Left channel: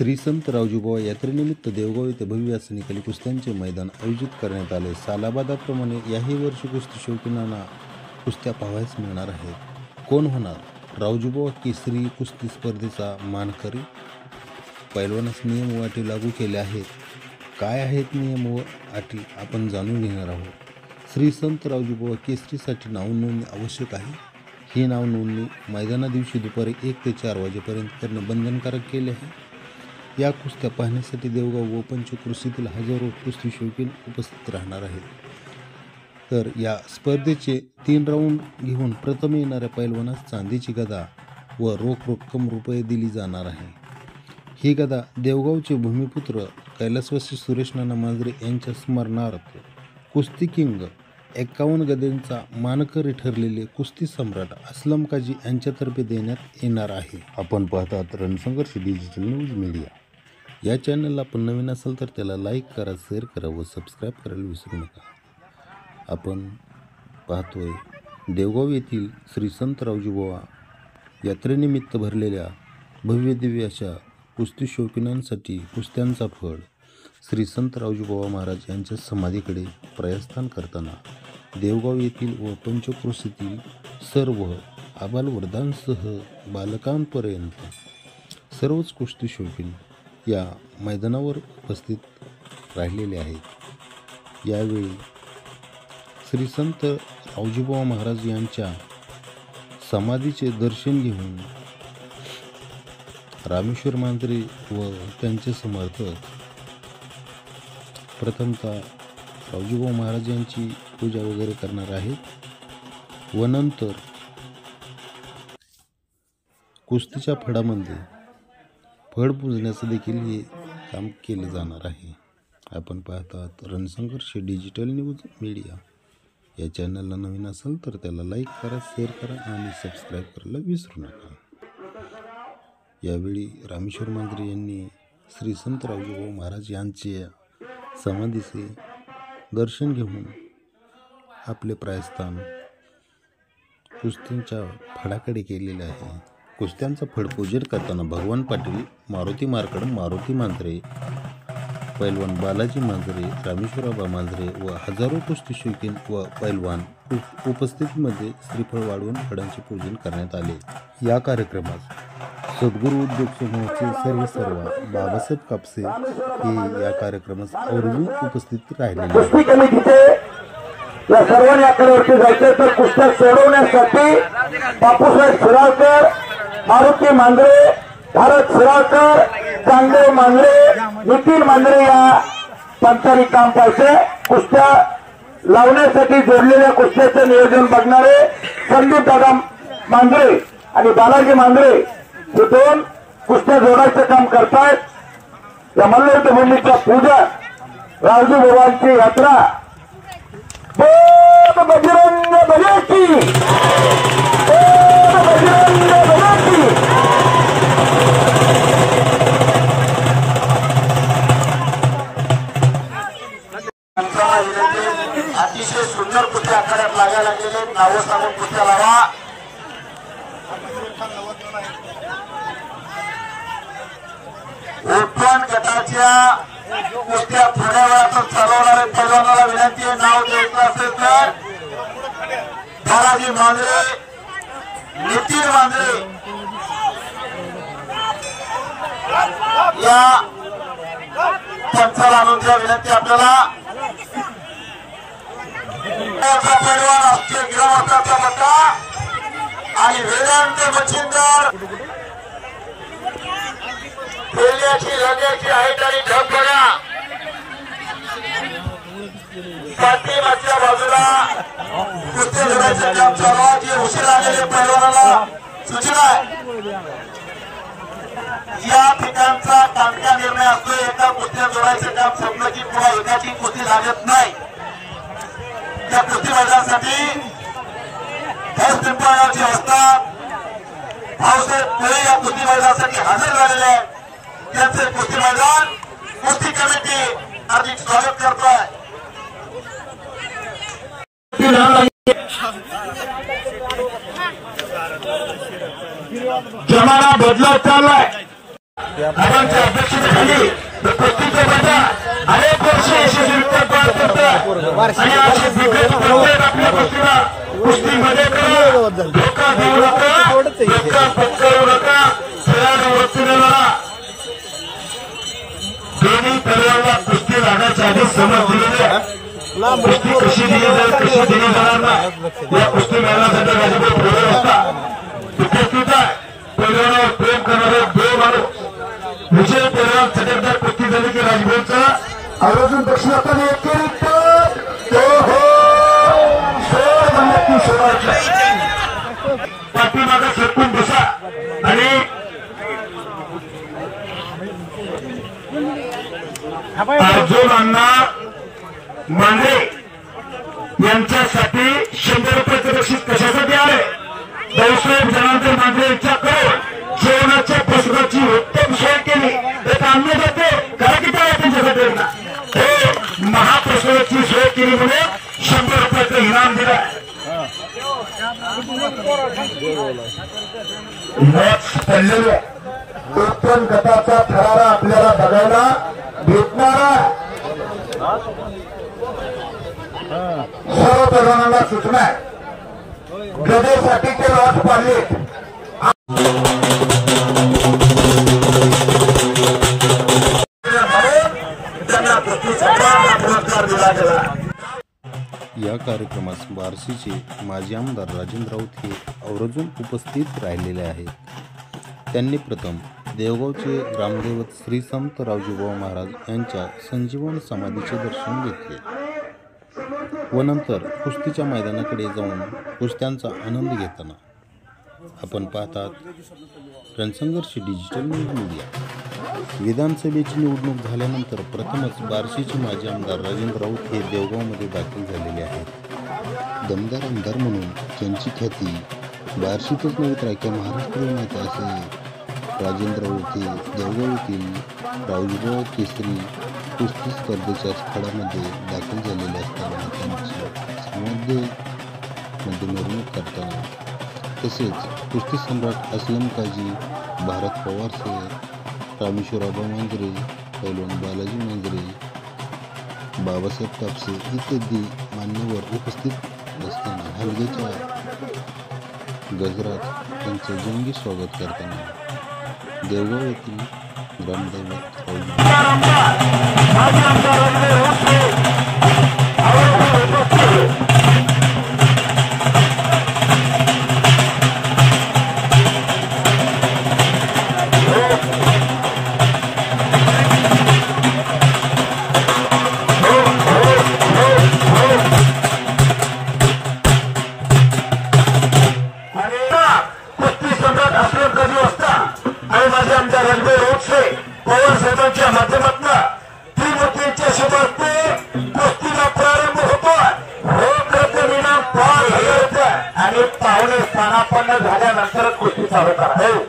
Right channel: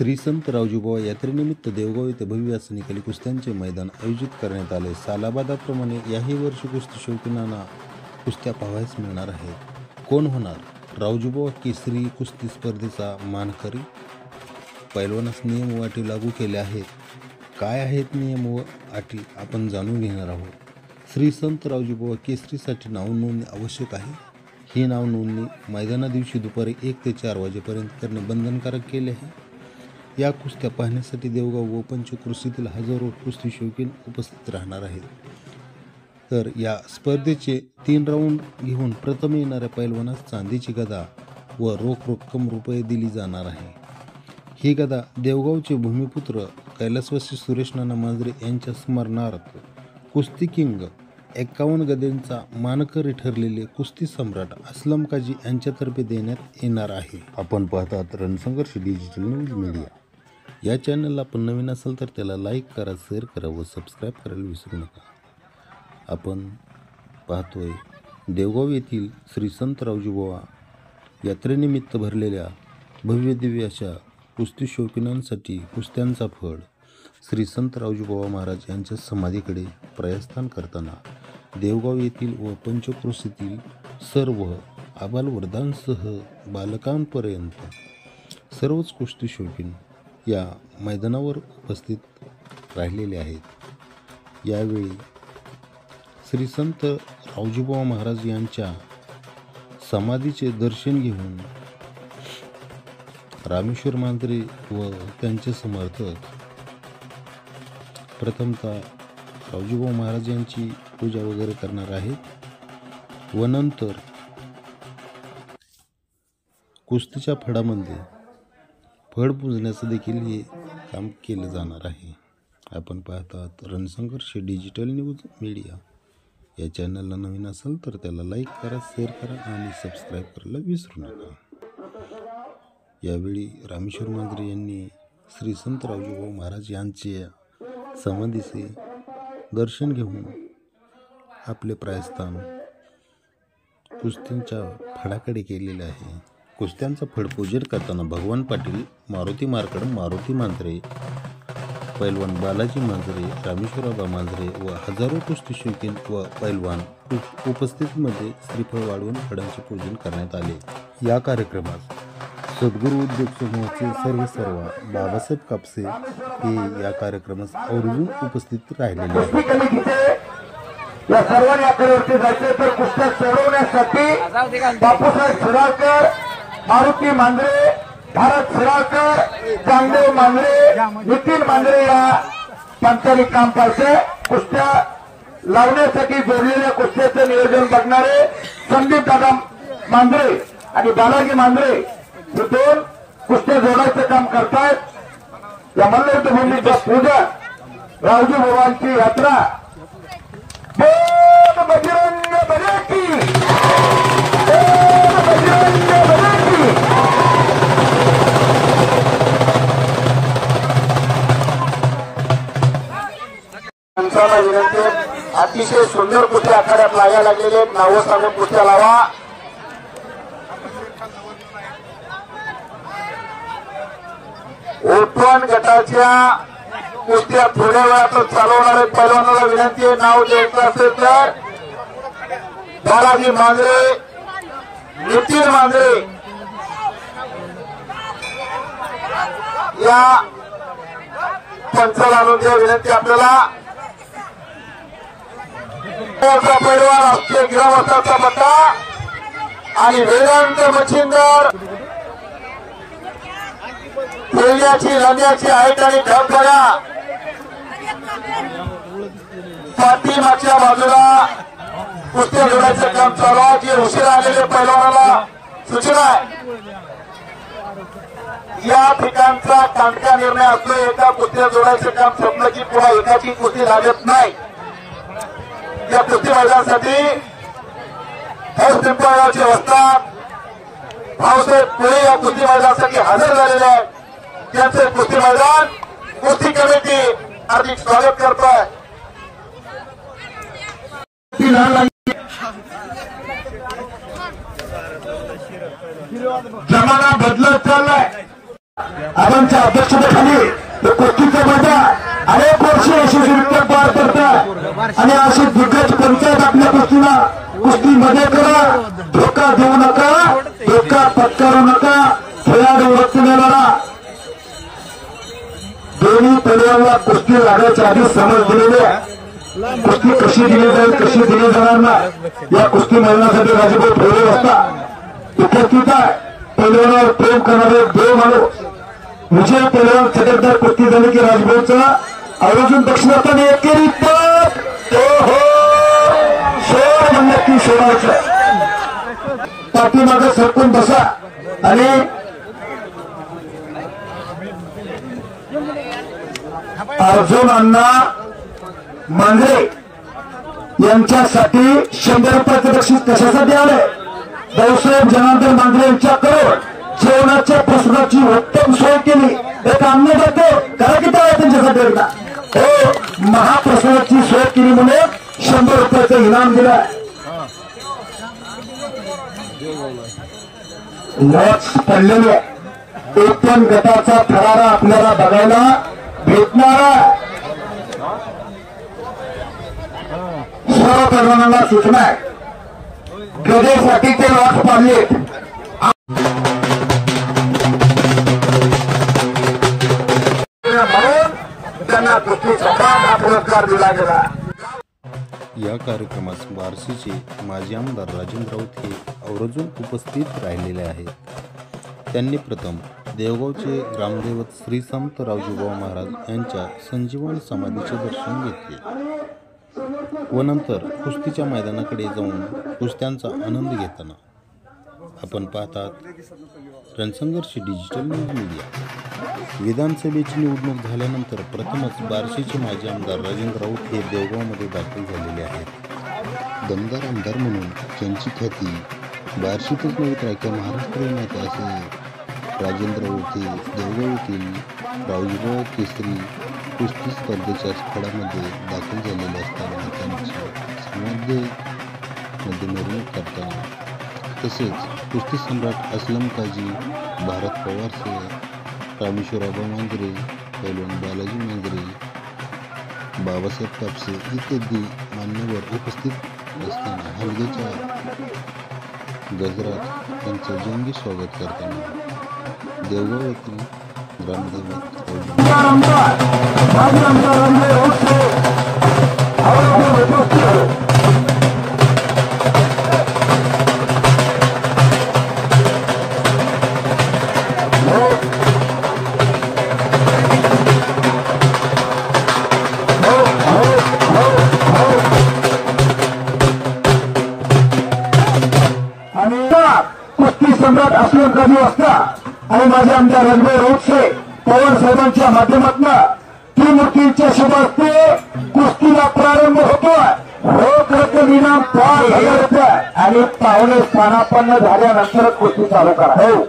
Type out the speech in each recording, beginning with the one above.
श्री संत रावजीबुवा यात्रेनिमित्त देवगाव येथे भव्य असे निकाली कुस्त्यांचे मैदान आयोजित करण्यात आले। सालाबादाप्रमाणे याही वर्षी कुस्ती शौकीनांना कुस्त्या पाहावयास मिळणार आहेत। कोण होणार रावजीबुवा केसरी कुस्ती स्पर्धेचा मानकरी? पैलवानास नियम व अटी लागू केल्या आहेत। काय आहेत नियम व अटी आपण जाणून घेणार आहोत। श्री संत रावजीबुवा केसरीसाठी नाव नोंदणी आवश्यक आहे। ही नाव नोंदणी मैदाना दिवशी दुपारी 1 ते 4 वाजेपर्यंत करणे बंधनकारक केले आहे। या कुस्त्या पाहण्यासाठी देवगाव व पंचक्रोशीतील हजारो कुस्ती शौकीन उपस्थित राहणार आहेत। तर या स्पर्धेचे 3 राऊंड घेऊन प्रथम येणाऱ्या पैलवानास चांदीची गदा व रोख रक्कम रुपये दिली जाणार आहे। ही गदा देवगावचे भूमिपुत्र कैलासवासी सुरेश नाना मांजरे यांच्या स्मरणार्थ कुस्ती किंग 51 गदेंचा मानकरी ठरलेले कुस्ती सम्राट असलम काजी यांच्यातर्फे देण्यात येणार आहे। आपण पाहतात रणसंघर्ष डिजिटल न्यूज मीडिया। या चॅनलला आपण नवीन असाल तर त्याला लाईक करा, शेअर करा व सबस्क्राईब करायला विसरू नका। आपण पाहतोय देवगाव येथील श्री संत रावजीबुवा यात्रेनिमित्त भरलेल्या भव्य दिव्य अशा कुस्ती शौकीनांसाठी कुस्त्यांचा फळ श्री संत रावजीबुवा महाराज यांच्या समाधीकडे प्रस्थान करताना देवगाव येथील व पंचक्रोशीतील सर्व आबालवृद्धांसह बालकांपर्यंत सर्वच कुस्ती शौकीन या मैदानावर उपस्थित राहिलेले आहेत। यावेळी श्री संत रावजीबुवा महाराज यांच्या समाधीचे दर्शन घेऊन रामेश्वर मांजरे व त्यांचे समर्थक प्रथमतः रावजीबुवा महाराज यांची पूजा वगैरे करणार आहेत व नंतर कुस्तीच्या फडामध्ये फड पुजण्याचं देखील हे काम केलं जाणार आहे। आपण पाहतात रणसंघर्ष डिजिटल न्यूज मीडिया। या चॅनलला नवीन असाल तर त्याला लाईक करा, शेअर करा आणि सबस्क्राईब करायला विसरू नका। यावेळी रामेश्वर मांजरे यांनी श्री संत रावजीबुवा महाराज यांचे समाधीचे दर्शन घेऊन आपले प्रस्थान कुस्त्यांच्या फडाकडे केलेले आहे। कुस्त्यांचा फड पूजन करताना भगवान पाटील, मारुती मार्कड, मारुती मांजरे, पैलवान बालाजी मांजरे, रामेश्वराबा मांजरे व हजारो कुस्ती शौकीन व पैलवान उपस्थितीमध्ये श्रीफळ वाढवून फडांचे पूजन करण्यात आले। या कार्यक्रमात सद्गुरू उद्योग समूहाचे सर्व बाबासाहेब कापसे हे या कार्यक्रमास आवर्जून उपस्थित राहिलेले आहेत। या सर्वांनी आपल्यावरती जायचं तर कुस्त्या सोडवण्यासाठी बापूसाहेब शिराळकर, मारुती मांजरे, भारत शिराळकर, चांगदेव मांजरे, नितीन मांजरे या पंचारी काम करते। कुस्त्या लावण्यासाठी जोडलेल्या कुस्त्याचं नियोजन बघणारे संदीप दादा मांजरे आणि बालाजी मांजरे हे 2 कुस्त्या जोडायचं काम करतायत। या मल्लयुद्ध भूमीच्या पूजा रावजीबुवांची यात्रा बजरंग बली की अतिशय सुंदर कुस्त्या आखाड्यात लागायला लागलेले नावं सांगून कुस्त्या लावा। ओपन गटाच्या कुस्त्या थोड्या वेळात चालवणारे पैलवानाला विनंती आहे, नाव द्यायचं असेल तर बालाजी मांजरे, नितीन मांजरे या पंचाला आणून द्या विनंती आपल्याला। पैलवान असते गिरवासाचा मता आणि वेदांत मच्छिंदर खेळण्याची रंगाची हाईट आणि ढब बघा। पाठीमागच्या बाजूला कुस्त्या घेण्याचं काम चालू आहे। जी उशिरा आलेल्या पैलवानाला सूचना आहे, या ठिकाणचा तांत्रिक निर्णय असतो, एका कुस्त्या जोडायचं काम संपलं की पुन्हा एकाची कुस्ती लागत नाही। या कुस्ती मैदानासाठी पिंपळगावचे वस्ताद भाऊसाहेब पुळे या कुस्ती मैदानासाठी हजर झालेले आहेत। त्यांचे कुस्ती मैदान कुस्ती कमिटी हार्दिक स्वागत करतोय। जमाना बदलत चाललाय। आबांच्या अध्यक्षतेखाली कुस्तीचा माझा अनेक वर्ष यशस्वीरित्या पार पडतात आणि असे दिग्गज करतात आपल्या कुस्तीला. कुस्तीमध्ये करा, धोका देऊ नका, धोका पत्करू नका. खेळाडू वस्तूला दोन्ही प्लेयरला कुस्ती लागण्याच्या आधी समज दिलेल्या कुस्ती कशी दिली जाईल, कशी दिली जाणार नाही या कुस्ती मैदानासाठी राजभाऊ ठेवले जातात. उपस्थित प्लेयरवर प्रेम करणारे देव माणूस विजय प्लेयर चटकदार कुस्ती झाली की राजभाऊचा आयोजन दक्षिणातून एकेरी नक्की सोडायचं. पाठीमागं सरकून बसा आणि अर्जुन अण्णा मांगरे यांच्यासाठी 100 रुपयाचं बक्षीस कशासाठी आले? भाऊसाहेब जनार्दन मांगरे यांच्याकडे जेवणाच्या पुस्तकाची उत्तम सोय केली. तर आणले जाते काय किती आहे त्यांच्यासाठी एकदा हे महापुस्तकाची सोय केली म्हणून 100 रुपयाचं इनाम दिलं. मॉच पडलेली आहे. ओपन गटाचा थरारा आपल्याला बघायला भेटणार. सर्व तरुणांना सूचना आहे, क्रीडेसाठी ते लॉस पाडले. त्यांना कुस्तीचा पुरस्कार दिला गेला. या कार्यक्रमास बार्शीचे माजी आमदार राजेंद्र राऊत हे आवर्जून उपस्थित राहिलेले आहेत. त्यांनी प्रथम देवगावचे ग्रामदैवत श्री संत रावजीबुवा महाराज यांच्या संजीवन समाधीचे दर्शन घेतले व नंतर कुस्तीच्या मैदानाकडे जाऊन कुस्त्यांचा आनंद घेताना आपण पाहतात रणसंघर्ष डिजिटल न्यूज मीडिया. विधानसभेची निवडणूक झाल्यानंतर प्रथमच बार्शीचे माजी आमदार राजेंद्र राऊत हे देवगावमध्ये दाखल झालेले आहेत. दमदार आमदार म्हणून त्यांची ख्याती बार्शीतच नव्हे तर अख्ख्या महाराष्ट्राला माहीत आहे. असे राजेंद्र राऊत हे देवगाव येथील रावजीबुवा केसरी कुस्ती स्पर्धेच्या खडामध्ये दाखल झालेले असताना त्यांची समाधीमध्ये मिरवणूक करताना तसेच कुस्ती सम्राट असलम काजी, भारत पवारसह रामेश्वर आबा मांजरे, पैलवान बालाजी मांजरे, बाबासाहेब कापसे इत्यादी मान्यवर उपस्थित असताना हलगेच्या गजरात त्यांचं जंगी स्वागत करताना देवगाव येथील ग्रामदैवत पवार साहेबांच्या माध्यमातून त्रिमूर्तींच्या शुभास्ते कुस्तीला प्रारंभ होतो. रोख रक्कम इनाम 5,000 रुपये आणि पाहुणे स्थानापन्न झाल्यानंतर कुस्ती चालू करा. हो,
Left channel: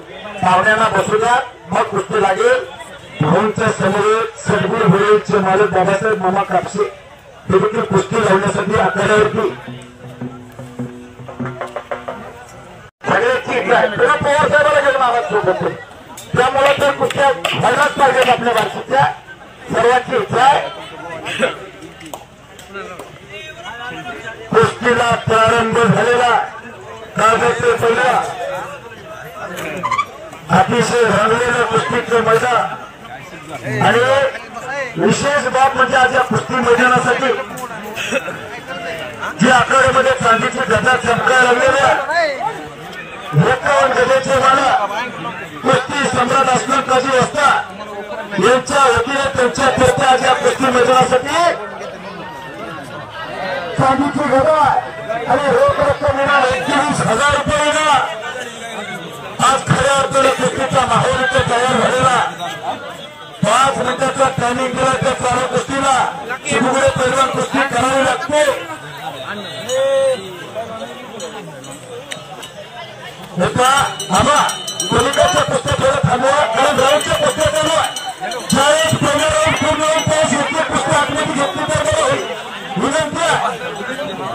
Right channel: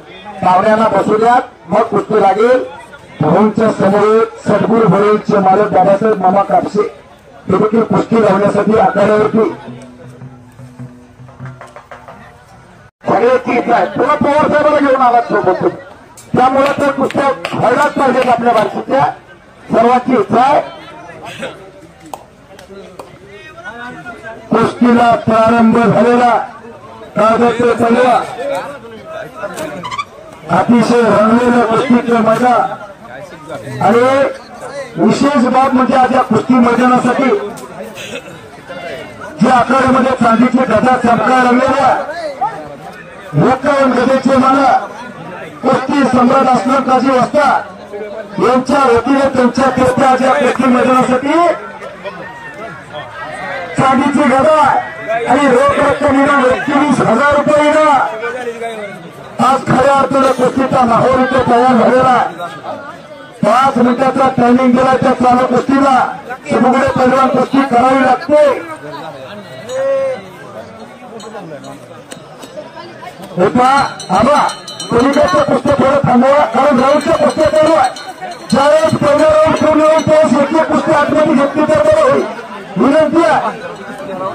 पाहुण्यांना बसू द्या, मग कुस्ती लागेल. भाऊंच्या समोर सदगुरू होळीचे मालक बाबासाहेब मामा कापसे हे देखील कुस्ती लावण्यासाठी आखाड्यावरती सगळ्याची इच्छा आहे. पुन्हा पवार साहेबांना घेऊन आवाज सोबत, त्यामुळे ते कुस्त्या व्हायलाच पाहिजेत. आपल्या बाजूच्या सर्वांची इच्छा आहे. कुस्तीला प्रारंभ झालेला कागदचे पहिला अतिशय रंगलेलं कुस्तीचं मैदान आणि विशेष बाब म्हणजे आज या कुस्ती मैदानासाठी जे आखाड्यामध्ये चांदीची गदा चमकायला लागलेल्या एका गदेचे मला कुस्ती सम्राट असलम काजी वस्ताद यांच्या वतीने त्यांच्या कुस्त्याच्या कुस्ती मैदानासाठी चांदीची गदा आणि रोख रक्कम इनाम 31,000 रुपये इनाम. आज खऱ्या अर्थाने कुस्तीचा माहोल इथे तयार झालेला. 5 मिनिटाचा टायमिंग दिला त्या चालू कुस्तीला सगळे पैलवान कुस्ती करावी लागते. कृपया आम्हा पलीकडच्या कुस्त्या थोडं थांबवा आणि ग्राउंडच्या कुस्त्या करूया. ज्यावेळेस पहिल्या राऊंड पूर्ण होईल त्यावेळेस योग्य कुस्ती आतमध्ये घेतली तर बरं होईल. विनंती आहे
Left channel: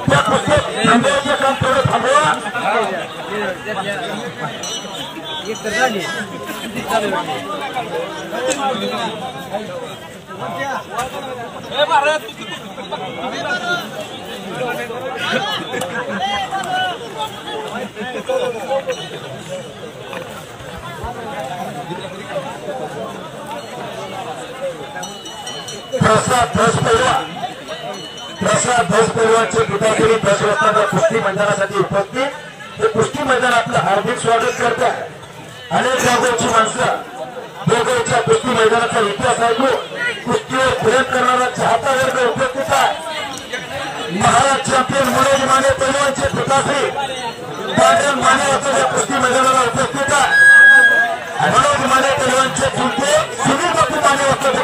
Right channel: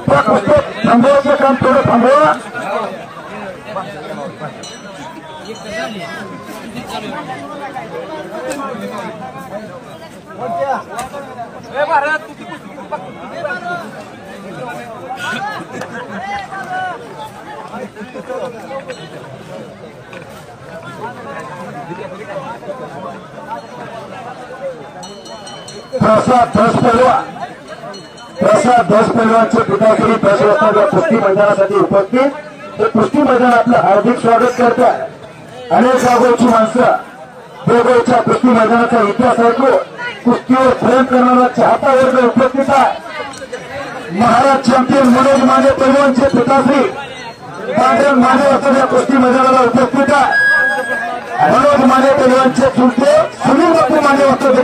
त्या कुस्त्या थांबवायचं काम थोडं थांबवा. प्रसाद धस पैलवानचे पिताश्री 10 वाजता कुस्ती मैदानासाठी उपस्थित. ते कुस्ती मैदान आपलं हार्दिक स्वागत करतात. अनेक जागोची माणसं देवगावच्या कुस्ती मैदानाचा इतिहास ऐकू कुस्तीवर प्रेम करणारा चाहता वर्ग उपस्थित आहे. महाराज चॅम्पियन मनोज माने पैलवानचे पिताश्री पांढरन माने या कुस्ती मैदानाला उपस्थित आहे. मनोज माने पैलवानचे चुलते सुनील बापू माने या कुस्ती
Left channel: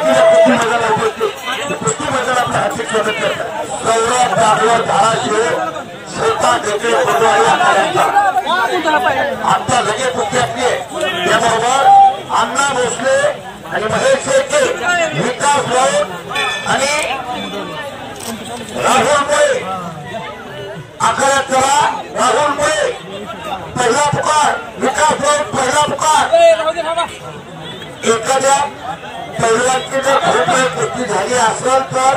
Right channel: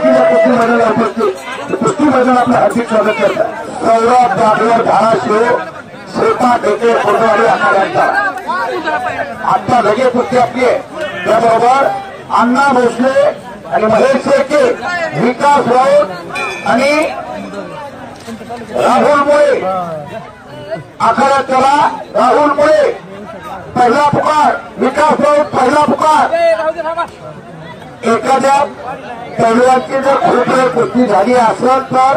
मैदानाला उपस्थित. कुस्ती मैदान आपलं हार्दिक स्वागत करतात. सौरभ दाभोळ धाराशिव श्रीकांत ढेके आता लगे कुस्ती आपली त्याबरोबर अण्णा भोसले आणि महेश शेट्टी, विकास राऊत आणि राहुल मुळे. आखाडा चला राहुल मुळे पहिला पुकार, विकास राऊत पहिला पुकार. एखाद्या पैलवानची जर कुस्ती झाली असेल तर